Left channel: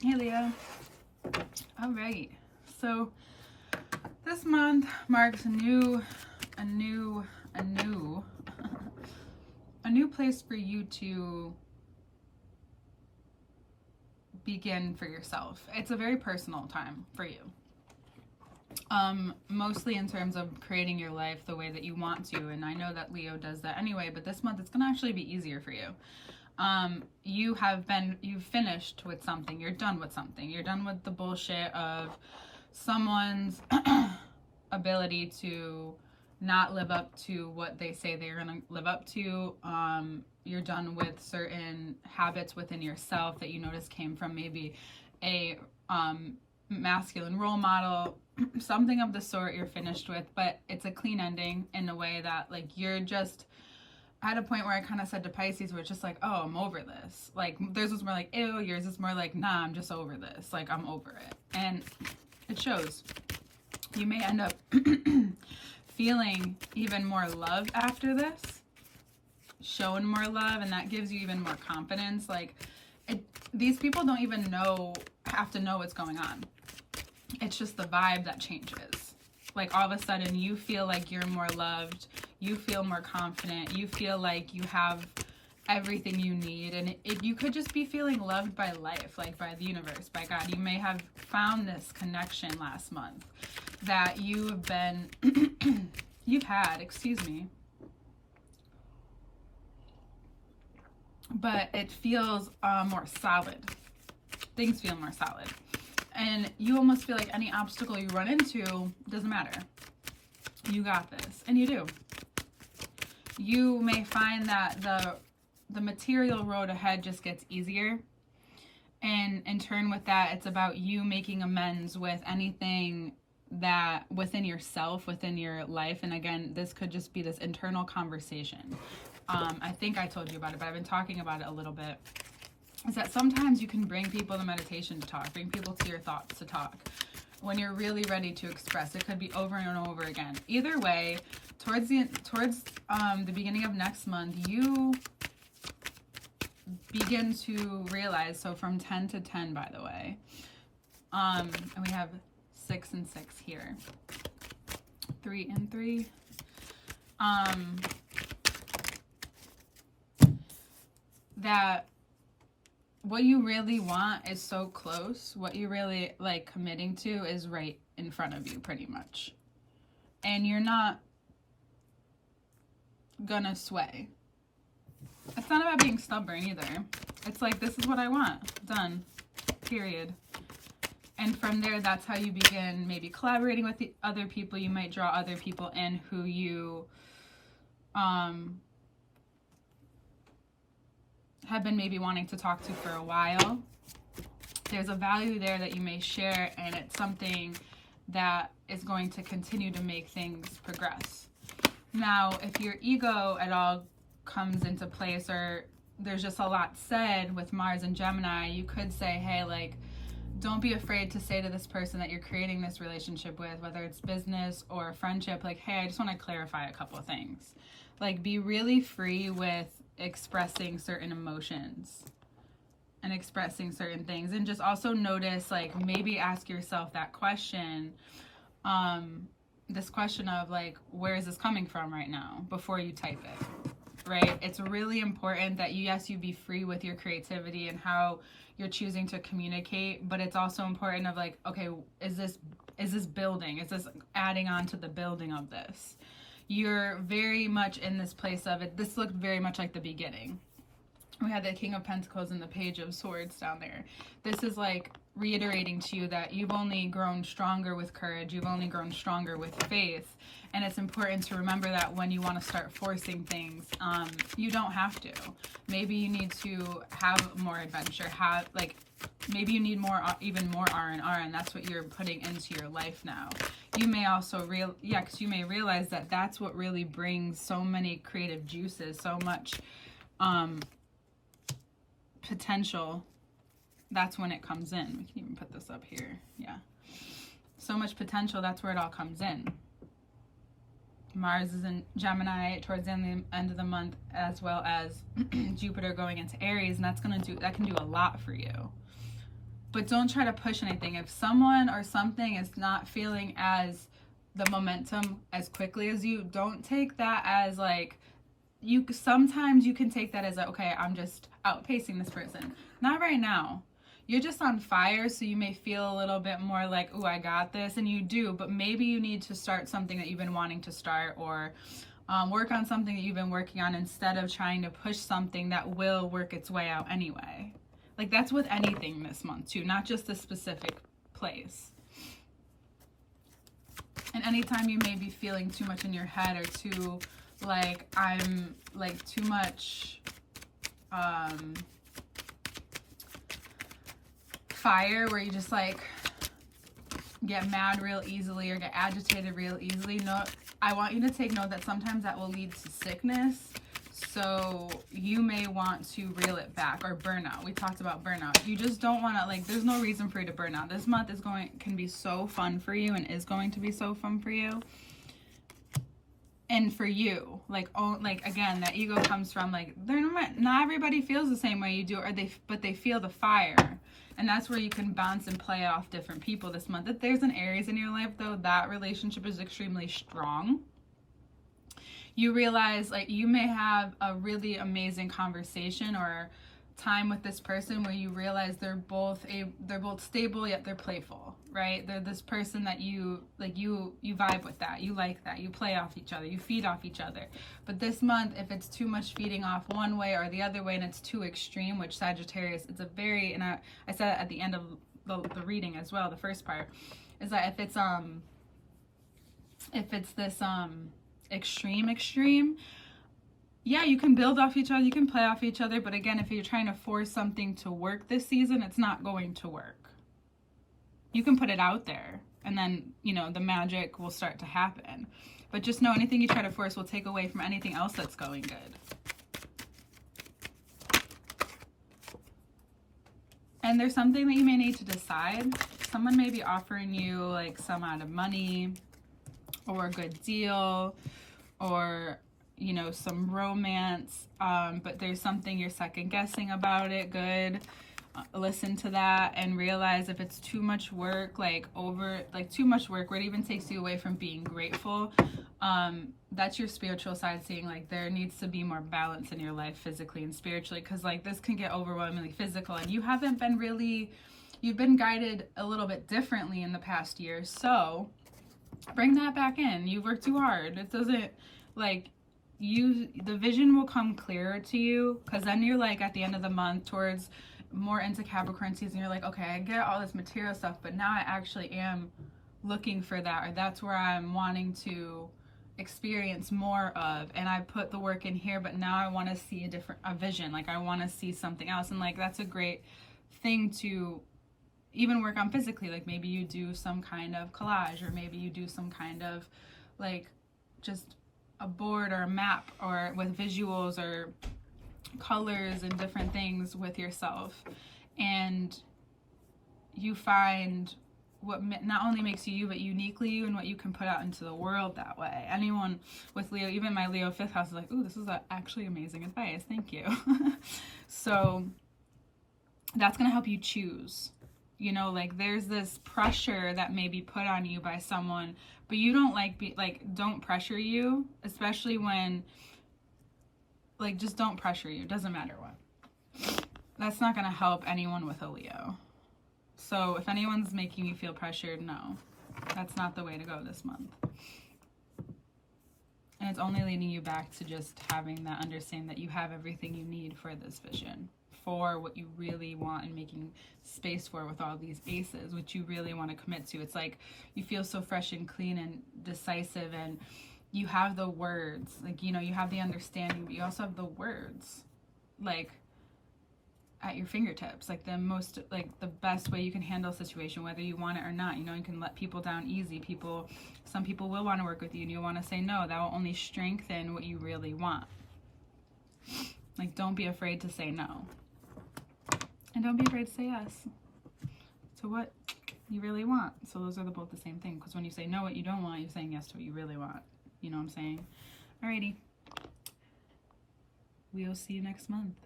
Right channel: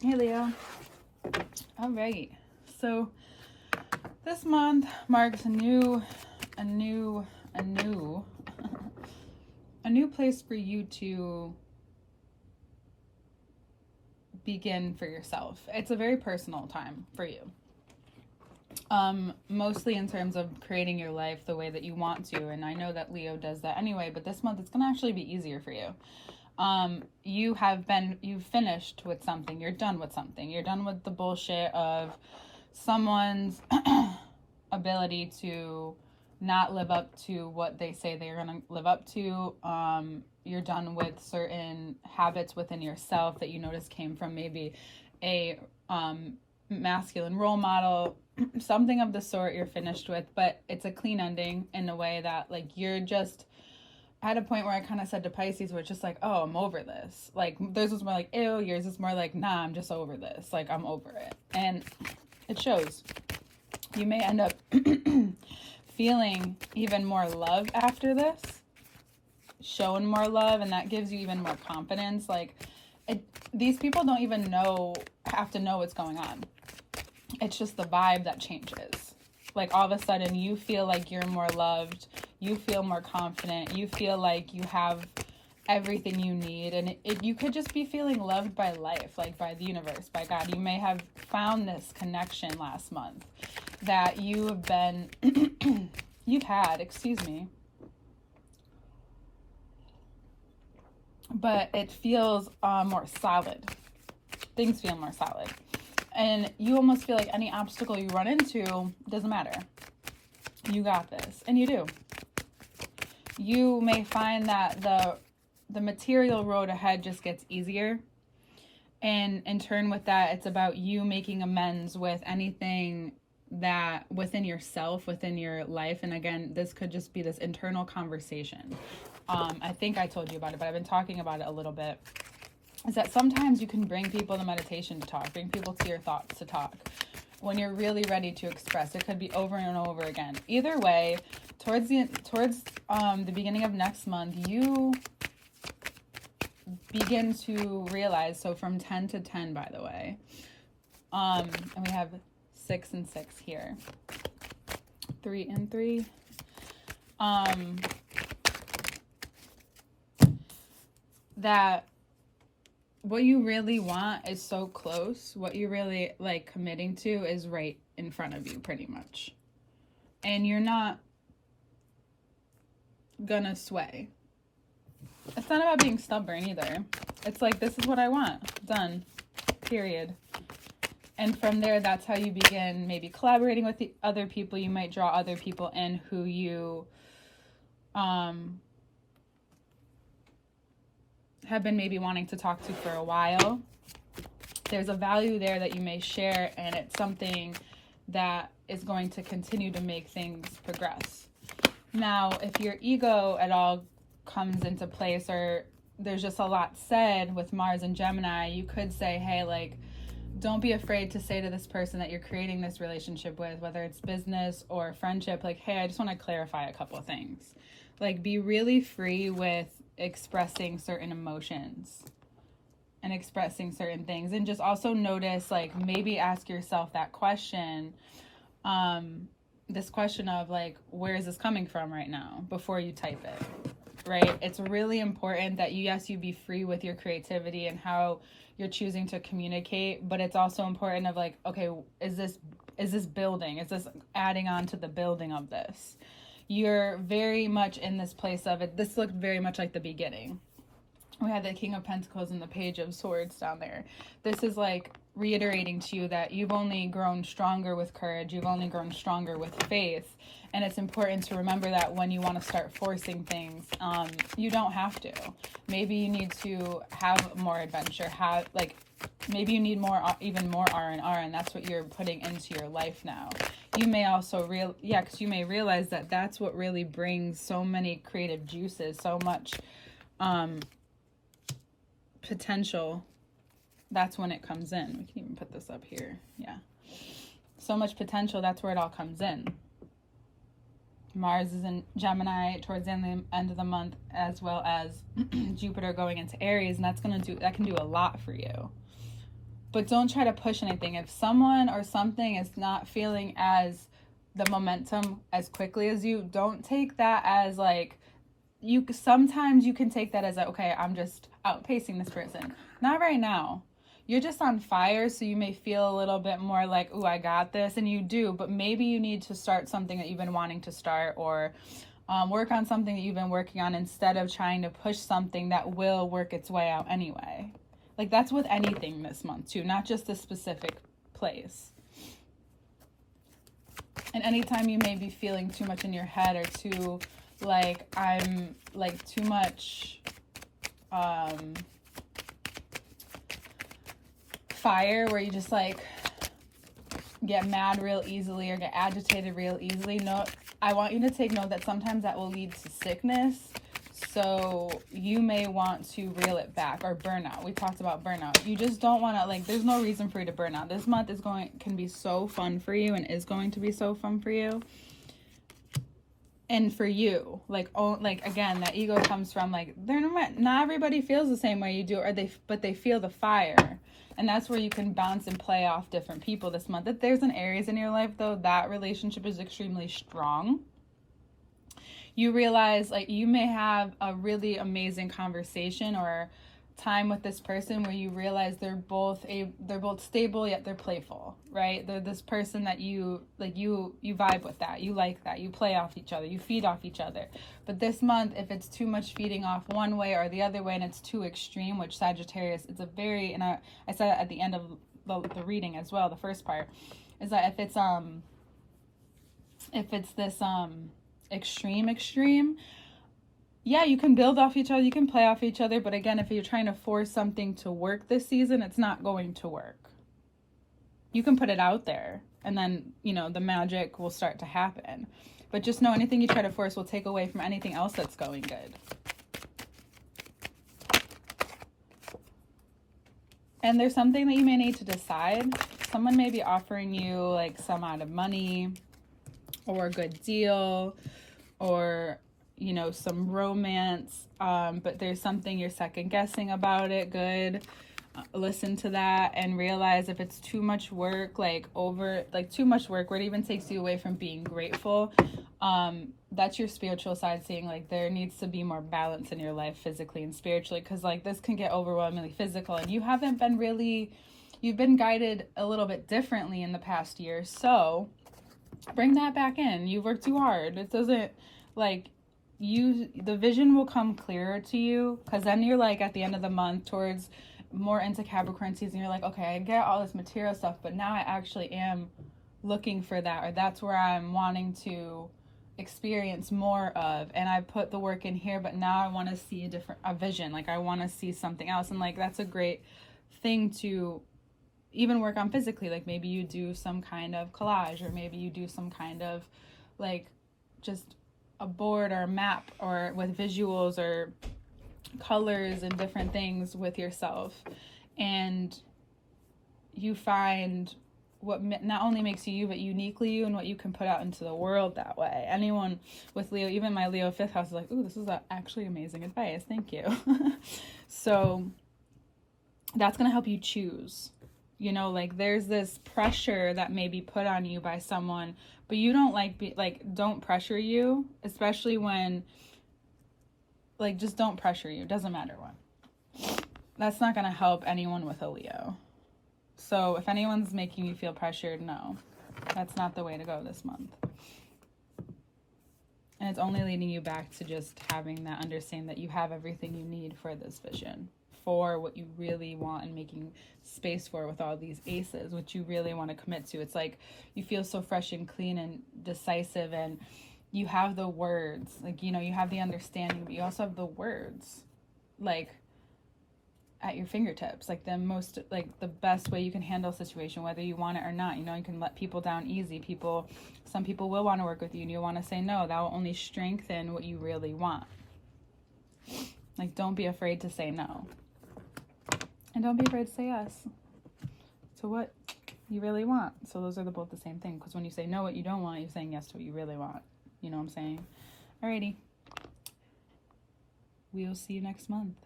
Hey Leo. All right. So this month marks a new place for you to begin for yourself. It's a very personal time for you. Mostly in terms of creating your life the way that you want to, and I know that Leo does that anyway, but this month it's gonna actually be easier for you. You've finished with something, you're done with something, you're done with the bullshit of someone's ability to not live up to what they say they're going to live up to. You're done with certain habits within yourself that you notice came from maybe a masculine role model, something of the sort you're finished with, but it's a clean ending in a way that, like, you're just at a point where I kind of said to Pisces, where it's just like, oh, I'm over this. Like, theirs was more like, ew, yours is more like, nah, I'm just over this. Like, I'm over it. And it shows. You may end up feeling even more love after this, showing more love, and that gives you even more confidence. Like, these people don't even have to know what's going on. It's just the vibe that changes. Like, all of a sudden you feel like you're more loved, you feel more confident, you feel like you have everything you need, and you could just be feeling loved by life, like by the universe, by God. You may have found this connection last month that you've had, but it feels more solid. Things feel more solid. And you almost feel like any obstacle you run into doesn't matter. You got this. And you do. You may find that the material road ahead just gets easier. And in turn with that, it's about you making amends with anything that within yourself, within your life. And again, this could just be this internal conversation. I think I told you about it, but I've been talking about it a little bit. Is that sometimes you can bring people to meditation to talk, bring people to your thoughts to talk when you're really ready to express. It could be over and over again. Either way, towards the beginning of next month, you begin to realize, so from 10 to 10, by the way, and we have 6 and 6 here, 3 and 3, that what you really want is so close. What you really like committing to is right in front of you, pretty much. And you're not gonna sway. It's not about being stubborn either. It's like, this is what I want. Done. Period. And from there, that's how you begin maybe collaborating with the other people. You might draw other people in who you have been maybe wanting to talk to for a while. There's a value there that you may share, and it's something that is going to continue to make things progress. Now, if your ego at all comes into place, or there's just a lot said with Mars and Gemini, you could say, hey, like, don't be afraid to say to this person that you're creating this relationship with, whether it's business or friendship, like, hey, I just want to clarify a couple of things. Like, be really free with expressing certain emotions and expressing certain things, and just also notice, like, maybe ask yourself that question, this question of, like, where is this coming from right now, before you type it, right? It's really important that you be free with your creativity and how you're choosing to communicate, but it's also important of, like, okay, is this building, is this adding on to the building of this? You're very much in this place of it. This looked very much like the beginning. We had the King of Pentacles and the Page of Swords down there. This is like reiterating to you that you've only grown stronger with courage. You've only grown stronger with faith. And it's important to remember that when you want to start forcing things, you don't have to. Maybe you need to have more adventure. Maybe you need even more R&R, and that's what you're putting into your life now. You may also because you may realize that that's what really brings so many creative juices, so much potential. That's when it comes in. We can even put this up here. Yeah. So much potential, that's where it all comes in. Mars is in Gemini towards the end of the month, as well as Jupiter going into Aries, and that can do a lot for you. but don't try to push anything. If someone or something is not feeling as the momentum as quickly as you, don't take that as like, sometimes you can take that as okay, I'm just outpacing this person. Not right now. You're just on fire, so you may feel a little bit more like, ooh, I got this, and you do, but maybe you need to start something that you've been wanting to start, or work on something that you've been working on, instead of trying to push something that will work its way out anyway. Like, that's with anything this month too, not just a specific place. And anytime you may be feeling too much in your head, or too like, I'm like too much fire, where you just like get mad real easily or get agitated real easily, no, I want you to take note that sometimes that will lead to sickness. So you may want to reel it back, or burnout. We talked about burnout. You just don't want to, like, there's no reason for you to burn out. This month can be so fun for you, and is going to be so fun for you. And for you, like, again, that ego comes from, like, not everybody feels the same way you do, but they feel the fire. And that's where you can bounce and play off different people this month. If there's an Aries in your life, though, that relationship is extremely strong. You realize, like, you may have a really amazing conversation or time with this person where you realize they're both stable, yet they're playful, right? They're this person that you vibe with, that you like, that you play off each other, you feed off each other. But this month, if it's too much feeding off one way or the other way, and it's too extreme, which Sagittarius, it's a very, and I said it at the end of the reading as well, the first part, is that if it's this extreme, yeah, you can build off each other, you can play off each other, but again, if you're trying to force something to work this season, it's not going to work. You can put it out there, and then, the magic will start to happen. But just know, anything you try to force will take away from anything else that's going good. And there's something that you may need to decide. Someone may be offering you, like, some amount of money, or a good deal, or some romance, but there's something you're second guessing about it. Good. Listen to that and realize if it's too much work, too much work where it even takes you away from being grateful, that's your spiritual side saying, like, there needs to be more balance in your life, physically and spiritually, because, like, this can get overwhelmingly physical, and you've been guided a little bit differently in the past year. So bring that back in. You've worked too hard. It doesn't, like, the vision will come clearer to you, because then you're, like, at the end of the month, towards more into Capricorn season, you're like, okay, I get all this material stuff, but now I actually am looking for that, or that's where I'm wanting to experience more of, and I put the work in here, but now I want to see a vision, like, I want to see something else. And, like, that's a great thing to even work on physically. Like, maybe you do some kind of collage, or maybe you do some kind of, like, just a board or a map, or with visuals or colors and different things with yourself, and you find what not only makes you but uniquely you, and what you can put out into the world that way. Anyone with Leo, even my Leo 5th house, is like, ooh, this is actually amazing advice, thank you. So that's going to help you choose. Like, there's this pressure that may be put on you by someone, but you don't don't pressure you, especially when, like, just don't pressure you. Doesn't matter what. That's not going to help anyone with a Leo. So if anyone's making you feel pressured, no, that's not the way to go this month. And it's only leading you back to just having that understanding that you have everything you need for this vision, for what you really want, and making space for with all these aces, which you really want to commit to. It's like you feel so fresh and clean and decisive, and you have the words, like, you have the understanding, but you also have the words, like, at your fingertips, like the best way you can handle a situation, whether you want it or not. You can let people down easy. Some people will want to work with you, and you want to say no. That will only strengthen what you really want. Like, don't be afraid to say no, and don't be afraid to say yes to what you really want. So those are both the same thing, because when you say no what you don't want, you're saying yes to what you really want. You know what I'm saying? Alrighty, we'll see you next month.